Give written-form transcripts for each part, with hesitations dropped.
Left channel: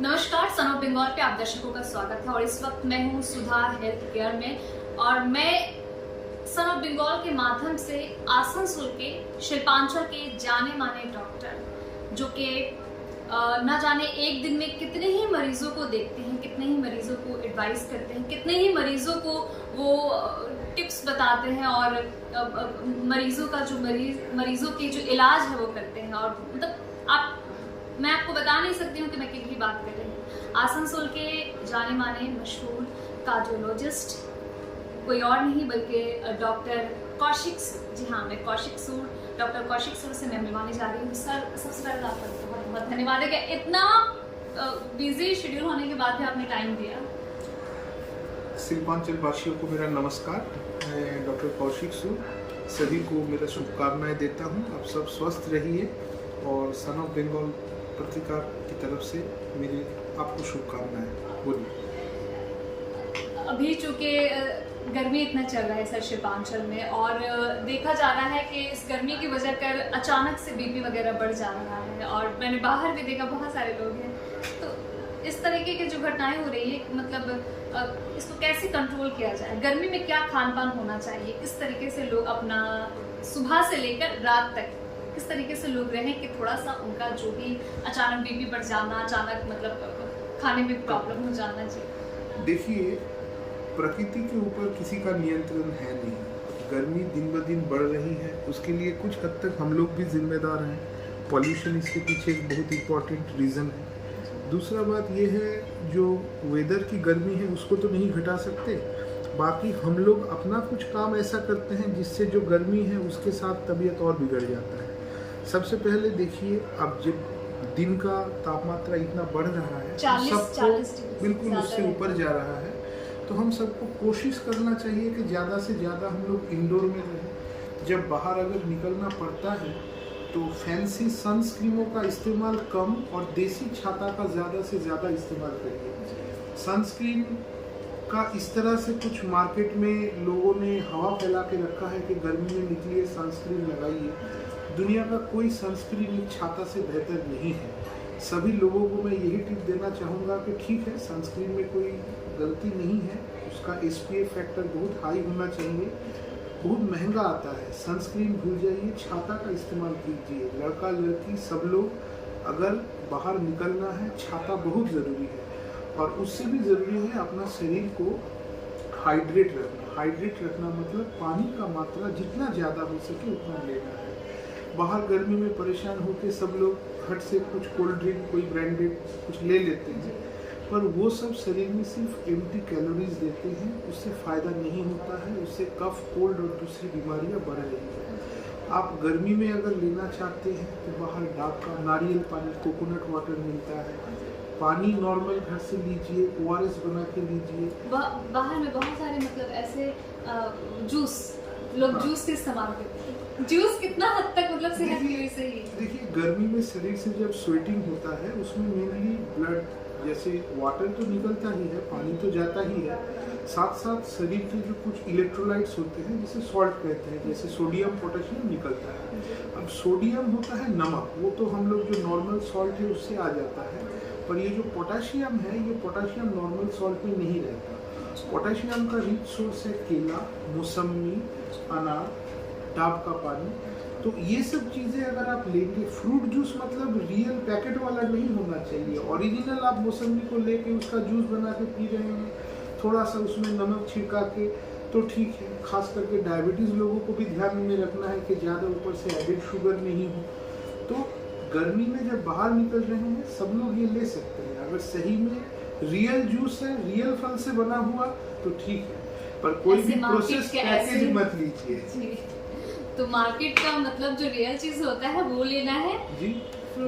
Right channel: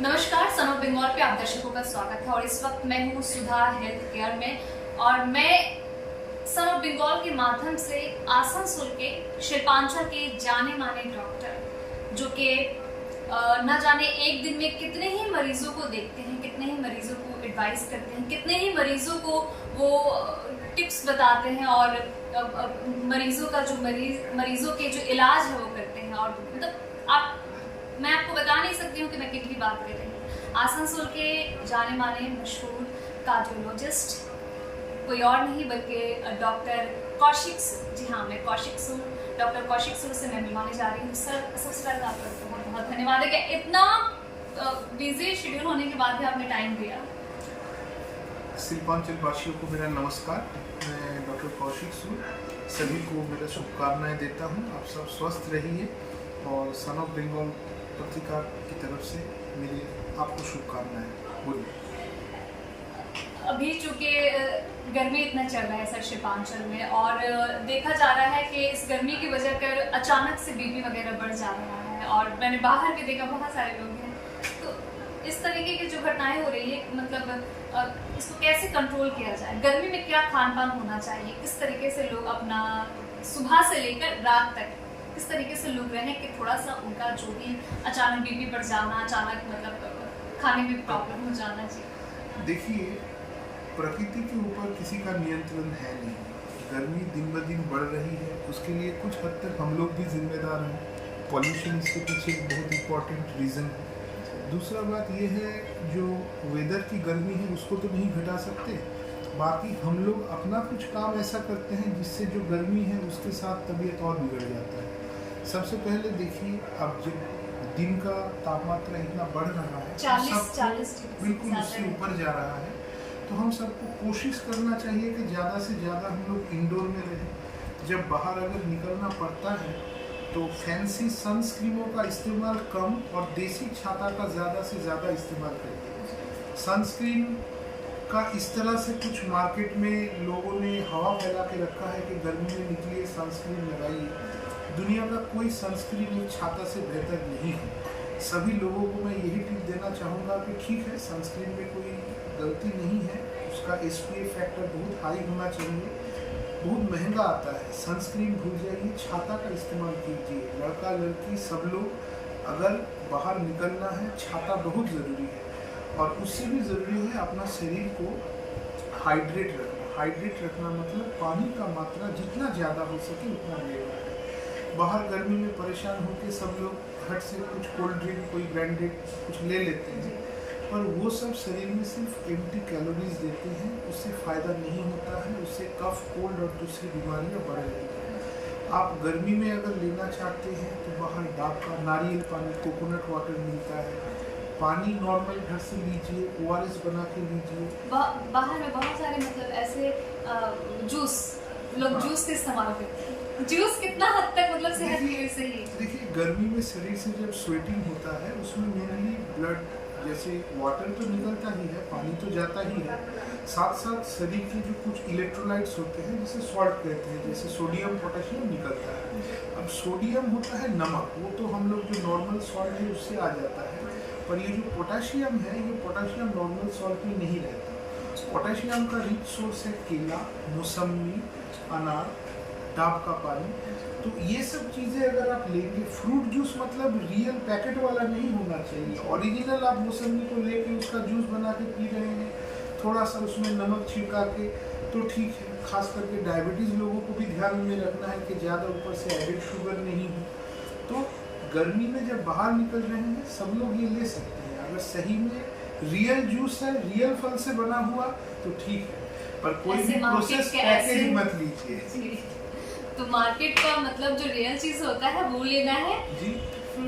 नमस्कार, son of Bengal पे आप दर्शकों का स्वागत है। और इस वक्त मैं हूँ सुधा हेल्थ केयर में और मैं सन ऑफ बंगाल के माध्यम से आसनसोल के शिल्पांचल के जाने माने डॉक्टर जो कि न जाने एक दिन में कितने ही मरीजों को देखते हैं, कितने ही मरीजों को एडवाइस करते हैं, कितने ही मरीजों को वो टिप्स बताते हैं और मरीजों का जो मरीजों के जो इलाज है वो करते हैं। और मतलब मैं आपको बता नहीं सकती हूँ कि मैं कितनी बात कर रही हूँ। आसनसोल के जाने माने मशहूर कार्डियोलॉजिस्ट कोई और नहीं बल्कि डॉक्टर कौशिक सूद। जी हाँ, मैं कौशिक सूद, डॉक्टर कौशिक सूद से मैं मिलवाने जा रही हूँ। सर, सबसे पहले आपका बहुत बहुत धन्यवाद है कि इतना बिजी शेड्यूल होने के बाद भी आपने टाइम दिया। शिल्पांचल वासियों को मेरा नमस्कार। मैं डॉक्टर कौशिक सूद सभी को मेरा शुभकामनाएं देता हूँ। आप सब स्वस्थ रहिए और सन ऑफ बंगाल पत्रिका की तरफ से मेरी आपको शुभकामनाएं। बोलिए। अभी चूंकि गर्मी इतना चल रहा है सर शिल्पांचल में, और देखा जा रहा है कि इस गर्मी की वजह कर अचानक से बीपी वगैरह बढ़ जा रहा है। और मैंने बाहर भी देखा बहुत सारे लोग हैं, तो इस तरीके की जो घटनाएं हो रही है, मतलब इसको कैसे कंट्रोल किया जाए? गर्मी में क्या खान पान होना चाहिए? किस तरीके से लोग अपना सुबह से लेकर रात तक किस तरीके से लोग रहे कि थोड़ा सा उनका जो भी अचानक बीपी बढ़ जाना, अचानक मतलब खाने में प्रॉब्लम हो जाना चाहिए? देखिए, प्रकृति के ऊपर किसी का नियंत्रण है नहीं। गर्मी दिन ब दिन बढ़ रही है, उसके लिए कुछ हद तक हम लोग भी जिम्मेदार हैं। पॉल्यूशन इसके पीछे एक बहुत इम्पोर्टेंट रीज़न है। दूसरा बात यह है, जो वेदर की गर्मी है उसको तो नहीं घटा सकते, बाकी हम लोग अपना कुछ काम ऐसा करते हैं जिससे जो गर्मी है उसके साथ तबीयत और बिगड़ जाता है। सबसे पहले देखिए, अब जब दिन का तापमात्रा इतना बढ़ रहा है, 40 बिल्कुल उससे ऊपर जा रहा है, तो हम सबको कोशिश करना चाहिए कि ज़्यादा से ज़्यादा हम लोग इंडोर में रहें। जब बाहर अगर निकलना पड़ता है तो फैंसी सनस्क्रीनों का इस्तेमाल कम और देसी छाता का ज़्यादा से ज़्यादा इस्तेमाल करिए। सनस्क्रीन का इस तरह से कुछ मार्केट में लोगों ने हवा फैला के रखा है कि गर्मी में निकलिए सनस्क्रीन लगाइए। दुनिया का कोई सनस्क्रीन एक छाता से बेहतर नहीं है। सभी लोगों को मैं यही टिप देना चाहूँगा कि ठीक है, सनस्क्रीन में कोई गलती नहीं है, उसका SPF फैक्टर बहुत हाई होना चाहिए, बहुत महंगा आता है। सनस्क्रीन भूल जाइए, छाता का इस्तेमाल कीजिए। लड़का लड़की सब लोग अगर बाहर निकलना है, छाता बहुत ज़रूरी है। और उससे भी ज़रूरी है अपना शरीर को हाइड्रेट रखना। हाइड्रेट रखना मतलब पानी का मात्रा जितना ज़्यादा हो सके उतना लेना है। बाहर गर्मी में परेशान होकर सब लोग हट से कुछ कोल्ड ड्रिंक, कोई ब्रांडेड कुछ ले लेते हैं, पर वो सब शरीर में सिर्फ एम्प्टी कैलोरीज देते हैं, उससे फ़ायदा नहीं होता है। उससे कफ, कोल्ड और दूसरी बीमारियां बढ़ रही हैं। आप गर्मी में अगर लेना चाहते हैं तो बाहर डाब का नारियल पानी, कोकोनट वाटर मिलता है। पानी नॉर्मल घर से लीजिए, ORS बना के लीजिए। बाहर में बहुत सारे मतलब ऐसे जूस लोग जूस के इस्तेमाल करते हैं। जूस कितना हद तक मतलब सेहत के लिए सही है? देखिए, गर्मी में शरीर से जब स्वेटिंग होता है उसमें मेनली ब्लड, जैसे वाटर तो निकलता ही है, पानी तो जाता ही है, साथ साथ शरीर के जो कुछ इलेक्ट्रोलाइट्स होते हैं जिसे सॉल्ट कहते हैं, जैसे सोडियम, पोटेशियम निकलता है। अब सोडियम होता है नमक, वो तो हम लोग जो नॉर्मल सॉल्ट है उससे आ जाता है, पर ये जो पोटेशियम है, ये पोटेशियम नॉर्मल सॉल्ट में नहीं रहता। पोटेशियम का रिच सोर्स है केला, मौसमी, अनार, डाब का पानी। तो ये सब चीज़ें अगर आप लेंगे, फ्रूट जूस मतलब रियल पैकेट वाला नहीं होना चाहिए। ओरिजिनल आप मौसमी को लेके उसका जूस बना के पी रहे हैं, थोड़ा सा उसमें नमक छिड़का के, तो ठीक है। खास करके डायबिटीज़ लोगों को भी ध्यान में रखना है कि ज़्यादा ऊपर से एडेड शुगर नहीं हो। तो गर्मी में जब बाहर निकल रहे हैं सब लोग ये ले सकते हैं। अगर सही में रियल जूस है, रियल फल से बना हुआ तो ठीक है, पर कोई भी प्रोसेस पैकेज मत लीजिए। तो मार्केट का मतलब जो रियल चीज होता है वो लेना है जी।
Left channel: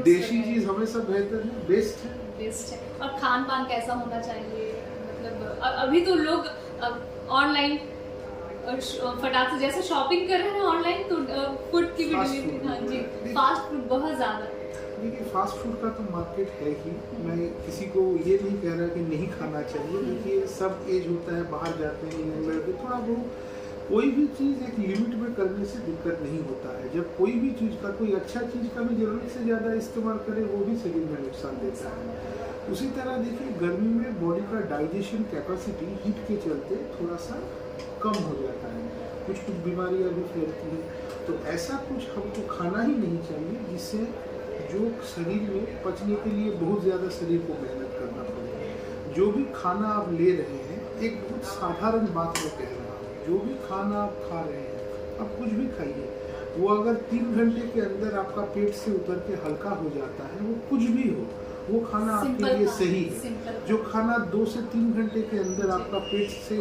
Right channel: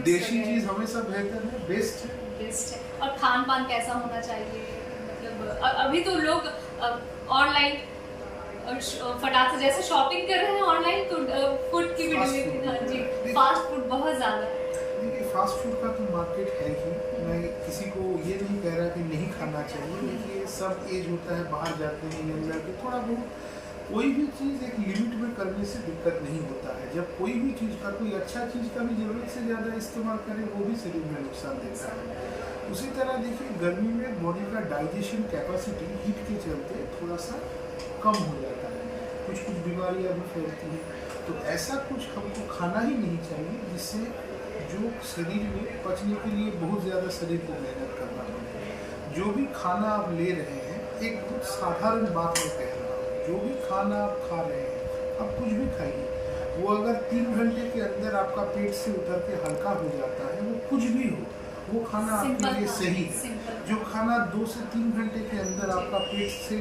देसी चीज हमेशा बेहतर है, बेस्ट है। और खान पान कैसा होना चाहिए? मतलब अभी तो लोग ऑनलाइन फटाक से जैसे शॉपिंग कर रहे हैं ऑनलाइन, तो फूड की भी डिलीवरी, हाँ जी, फास्ट फूड बहुत ज्यादा। देखिए, फास्ट फूड का तो मार्केट है ही। मैं किसी को ये नहीं कह रहा कि नहीं खाना चाहिए। देखिए, सब एज होता है, बाहर जाते हैं यंग लड़के, थोड़ा बहुत कोई भी चीज़ एक लिमिट में करने से दिक्कत नहीं होता है। जब कोई भी चीज़ का, कोई अच्छा चीज़ का भी ज़रूरत से ज़्यादा इस्तेमाल करे वो भी शरीर में नुकसान देता है। उसी तरह देखिए गर्मी में बॉडी का डाइजेशन कैपेसिटी हीट के चलते थोड़ा सा कम हो जाता है, कुछ कुछ बीमारियां भी फैलती हैं। तो ऐसा कुछ हमको खाना ही नहीं चाहिए जिससे जो शरीर में पचने के लिए बहुत ज़्यादा शरीर को मेहनत करना पड़े। जो भी खाना आप ले रहे हैं, एक बहुत साधारण बात मैं कह रहा हूँ, जो भी खाना आप खा रहे हैं, आप कुछ भी खाइए, वो अगर 3 घंटे के अंदर आपका पेट से उतर के हल्का हो जाता है, वो कुछ भी हो, वो खाना आपके लिए सही है। जो खाना 2 से 3 घंटे के अंदर आपका पेट से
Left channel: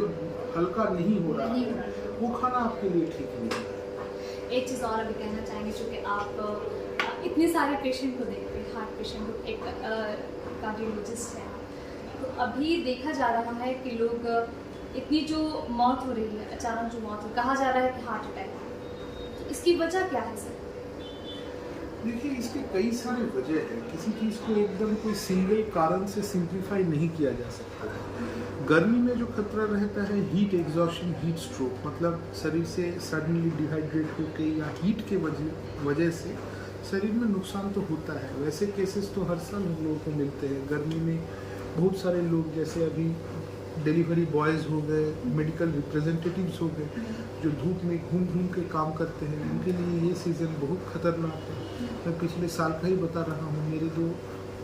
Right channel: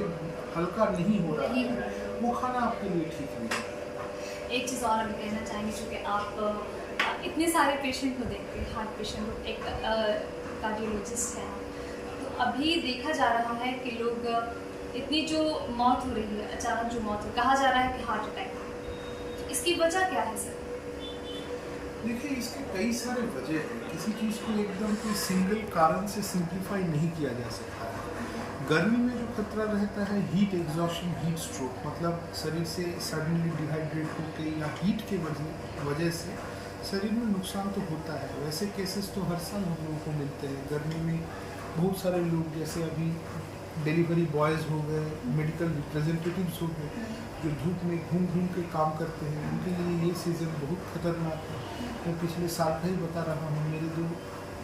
हल्का नहीं हो रहा है, वो खाना आपके लिए ठीक नहीं है। एक चीज़ और अभी कहना चाहेंगे, चूँकि आप इतने सारे पेशेंट को देखते हैं, हार्ट पेशेंट को, एक कार्डियोलॉजिस्ट हैं, तो अभी देखा जा रहा है कि लोग इतनी जो मौत हो रही है, अचानक जो मौत हो, कहा जा रहा है कि हार्ट अटैक, तो इसकी वजह क्या है सर? देखिए, इसके कई सारे वजह हैं, किसी चीज़ को एकदम कोई सिंगल कारण से सिंप्लीफाई नहीं किया जा सकता है। गर्मी में जो खतरा रहता है हीट एग्जॉशन, हीट स्ट्रोक, मतलब शरीर से सडनली डिहाइड्रेट होके या हीट के वजह से शरीर में नुकसान तो होता है। वैसे केसेस तो हर साल हम लोगों को मिलते हैं। गर्मी में बहुत सारे लोग, जैसे अभी डिलीवरी बॉयज़ हो गए, मेडिकल रिप्रेजेंटेटिव्स हो गए, जो धूप में घूम घूम के काम करते हैं, उनके लिए ये सीज़न बहुत ख़तरनाक है। मैं पिछले साल का ही बता रहा हूँ, मेरे 2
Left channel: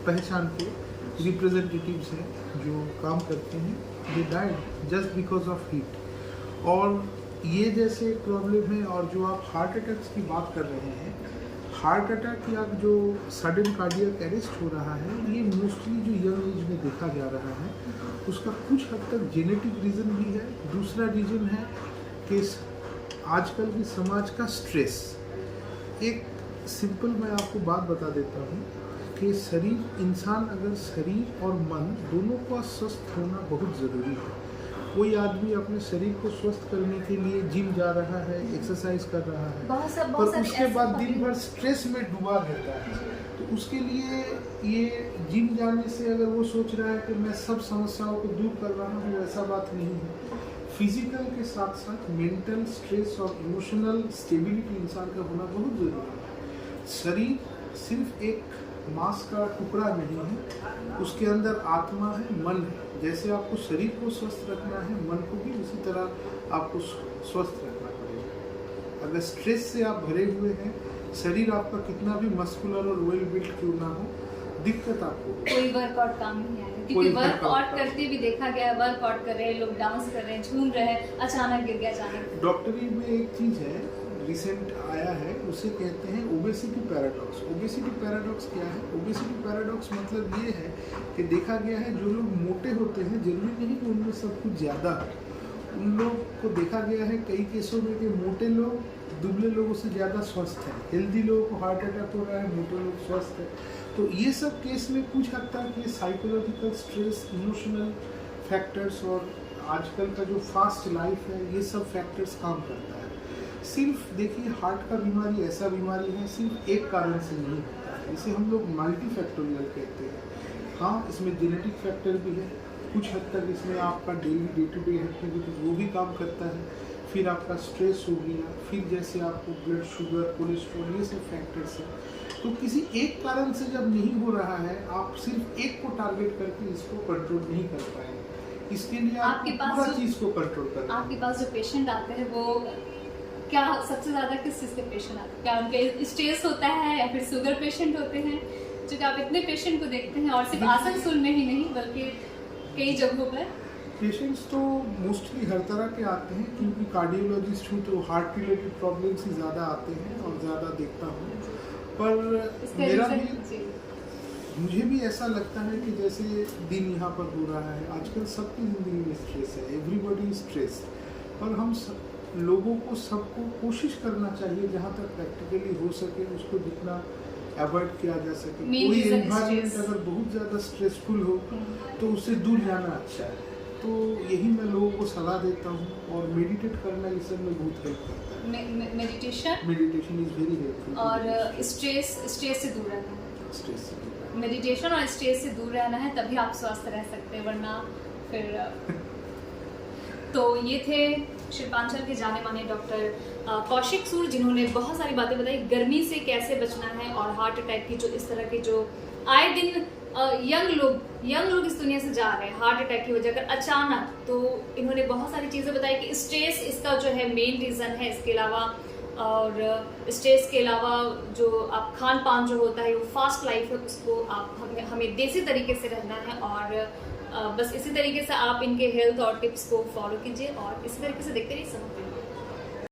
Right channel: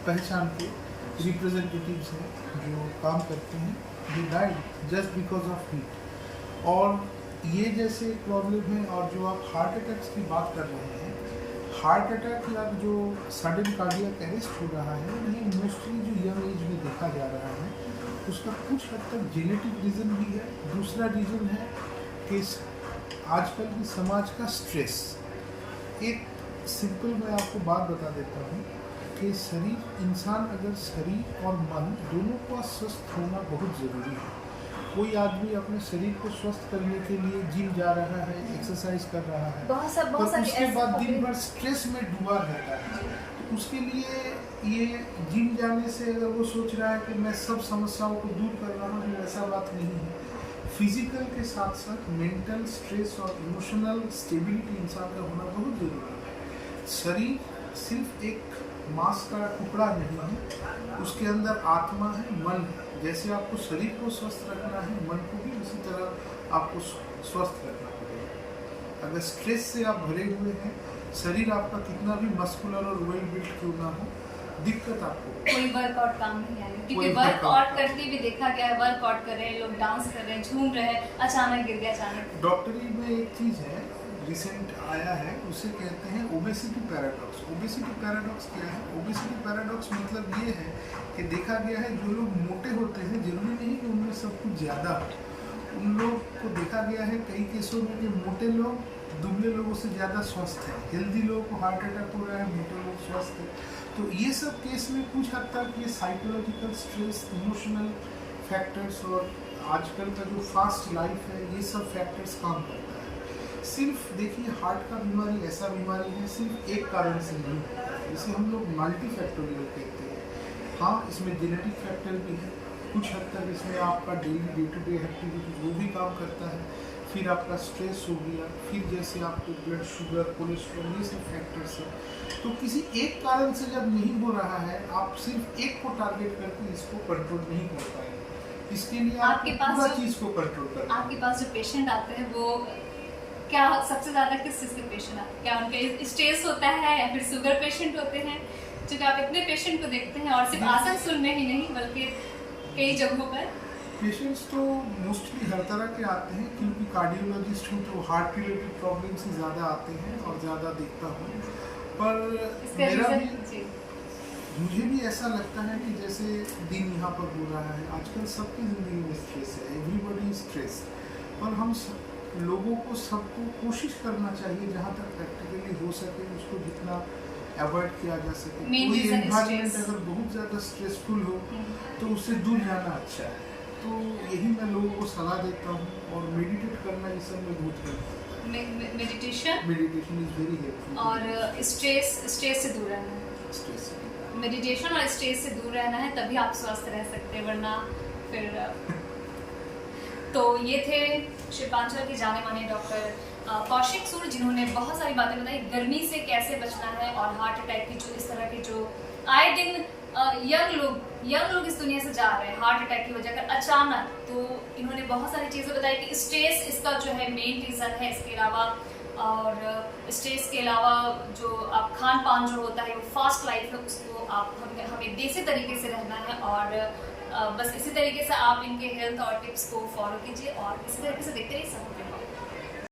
पहचान के रिप्रेजेंटेटिव्स हैं जो काम करते हैं, they died just because of heat. और ये जैसे प्रॉब्लम है, और जो आप हार्ट अटैक्स की बात कर रहे हैं, हार्ट अटैक या जो सडन कार्डियक अरेस्ट हो रहा है, ये मोस्टली जो यंग एज में देखा जा रहा है, उसका कुछ हद तक जेनेटिक रीज़न भी है। दूसरा रीज़न है कि आजकल के समाज का स्ट्रेस। एक सिंपल मैं आपको बात बता देता हूँ कि इंसान अगर शरीर और मन दोनों का स्वस्थ होना बहुत ज़रूरी है। कोई आदमी अपने शरीर को स्वस्थ करने के लिए जिम जा रहा है, एक्सरसाइज कर रहा है, पर उसके बाद दिन भर स्ट्रेस में डूबा रहता है। तो उसके लिए ये जिम जाने से अगर वो सोच रहा है कि मैं सब समस्याओं को दूर कर रहा हूँ, ऐसा बात नहीं है। फिजिकल के साथ साथ मेंटल स्ट्रेस और इमोशनल स्टेबिलिटी इंसान का होना बहुत ज़रूरी है। शरीर सिर्फ एक मांस का टुकड़ा नहीं है, उसके अंदर आत्मा है, मन है। जैसे आपको शरीर को स्वस्थ रखना है, मन को भी उसी तरह आपको स्वस्थ रखना पड़ेगा। अगर स्ट्रेस से आप भरे हुए हैं, शरीर आपका कितना भी मस्कुलर और वेल बिल्ट क्यों ना हो, दिक्कत आपको कोई वर्कआउट काम नहीं है, क्योंकि वर्कआउट करते भी देखा गया है, वर्कआउट कर रहे हैं लोग, डांस कर रहे हैं, झूम रहे हैं, अचानक गिर गया। अचानक डॉक्टरी में एक चीज़ है, रिसेंट आया है, उसे कहते हैं ओबेसिटी पैराडॉक्स। ओबेसिटी पैराडॉक्स क्या है? ओबेसिटी पैराडॉक्स मतलब ये है कि देखा गया है जो लोग मोटे होते हैं, जरूरी नहीं कि उनमें सब कुछ ज़्यादा हो। उन लोग को देखा गया है कई केसों में कि मोटे लोग दुबले लोगों से ज़्यादा स्वस्थ हैं। हेल्दी लोगों को हार्ट अटैक हो रहा है, मोटे लोग स्वस्थ हैं। तो ये सब केस में कुछ हद तक ये साइकोलॉजिकल स्ट्रेस, इमोशनल फैक्टर्स और आजकल का जो फास्ट लाइफ है, ये सब फैक्टर्स काम करता है। सिर्फ देखिए, हार्ट का बीमारी ऐसा बीमारी है, सिर्फ एक कारण से नहीं होता है, इसे हम लोग मल्टीफैक्टोरियल कहते हैं। हाँ, इसमें जेनेटिक फैक्टर भी है, कुछ हद तक इसमें आपका daily day to day activity वो भी काम करता है, फिर आपका स्ट्रेस हो गया, फिर जैसे आपको ब्लड शुगर, कोलेस्ट्रॉल, ये सब फैक्टर्स है। तो किसी एक कारण से जब नहीं हो रहा है, आप सिर्फ एक को टारगेट करके इसको कंट्रोल नहीं कर पाएंगे। इसके लिए आपके पास पूरा चीज को कंट्रोल करना। आपके पास जो पेशेंट आते हैं, वो क्या सबसे ज्यादा किस चीज के पेशेंट आते हैं? क्या उनके स्ट्रेस होता है या फिर शुगर पेशेंट होते हैं? क्योंकि आप इतने पेशेंट को देखते हैं, और सिर्फ आसनसोल में ही नहीं बल्कि कई जगहों पर। पेशेंट्स तो मोस्टली हर तरह के आते हैं, क्योंकि कार्डियोलॉजिस्ट हूँ तो हार्ट रिलेटेड प्रॉब्लम्स ही ज़्यादा आते हैं और ज़्यादा देखता हूँ। पर मेरा भी, मुझे भी ऐसा लगता है कि जैसे दिन यहाँ पर हो रहा है, आजकल सबकी ज़िंदगी में स्ट्रेस है, एवरीबॉडी स्ट्रेस। पर हम लोगों को, सबको कोशिश करना चाहिए जहाँ तक प्रैक्टिकली हो सके उसको जितना अवॉइड किया जा सके। कोई एनवायरनमेंट अगर बहुत ज़्यादा स्ट्रेसफुल हो तो उससे दूर जाना अच्छा है। तो यही मैं लोगों को सलाह देता हूँ, और मेडिटेट करना इस सब में बहुत हेल्प करता है। Meditation is very helpful. और स्ट्रेस से दूर रहना है। स्ट्रेस से मेडिटेशन और स्ट्रेस से दूर रहना है, तभी आप स्वस्थ रह सकते हैं, वरना फिर तो ये थे शिल्पांचल के जाने माने डॉक्टर कौशिक सूद, जिन्होंने बहुत सारी बातें बताई गर्मी से कैसे बचना है, और हार्ट अटैक की जो इस तरह के जो आए दिन यंग लोग इस दुनिया से जा रहे हैं हार्ट अटैक की वजह कर अचानक। तो इन्होंने बहुत सारी चीजें बताई कि स्ट्रेस इसका जो है मेन रीजन है। इसके अलावा और स्ट्रेस के अलावा जो आप खान पान जो होता है वो फास्ट लाइफ है, उसको आप हमें देसी तरीके से रहना है। और बस इसी तरीके से आप इनके हेल्थ और टिप्स को फॉलो कीजिए और इसी तरीके से देखते रहिए।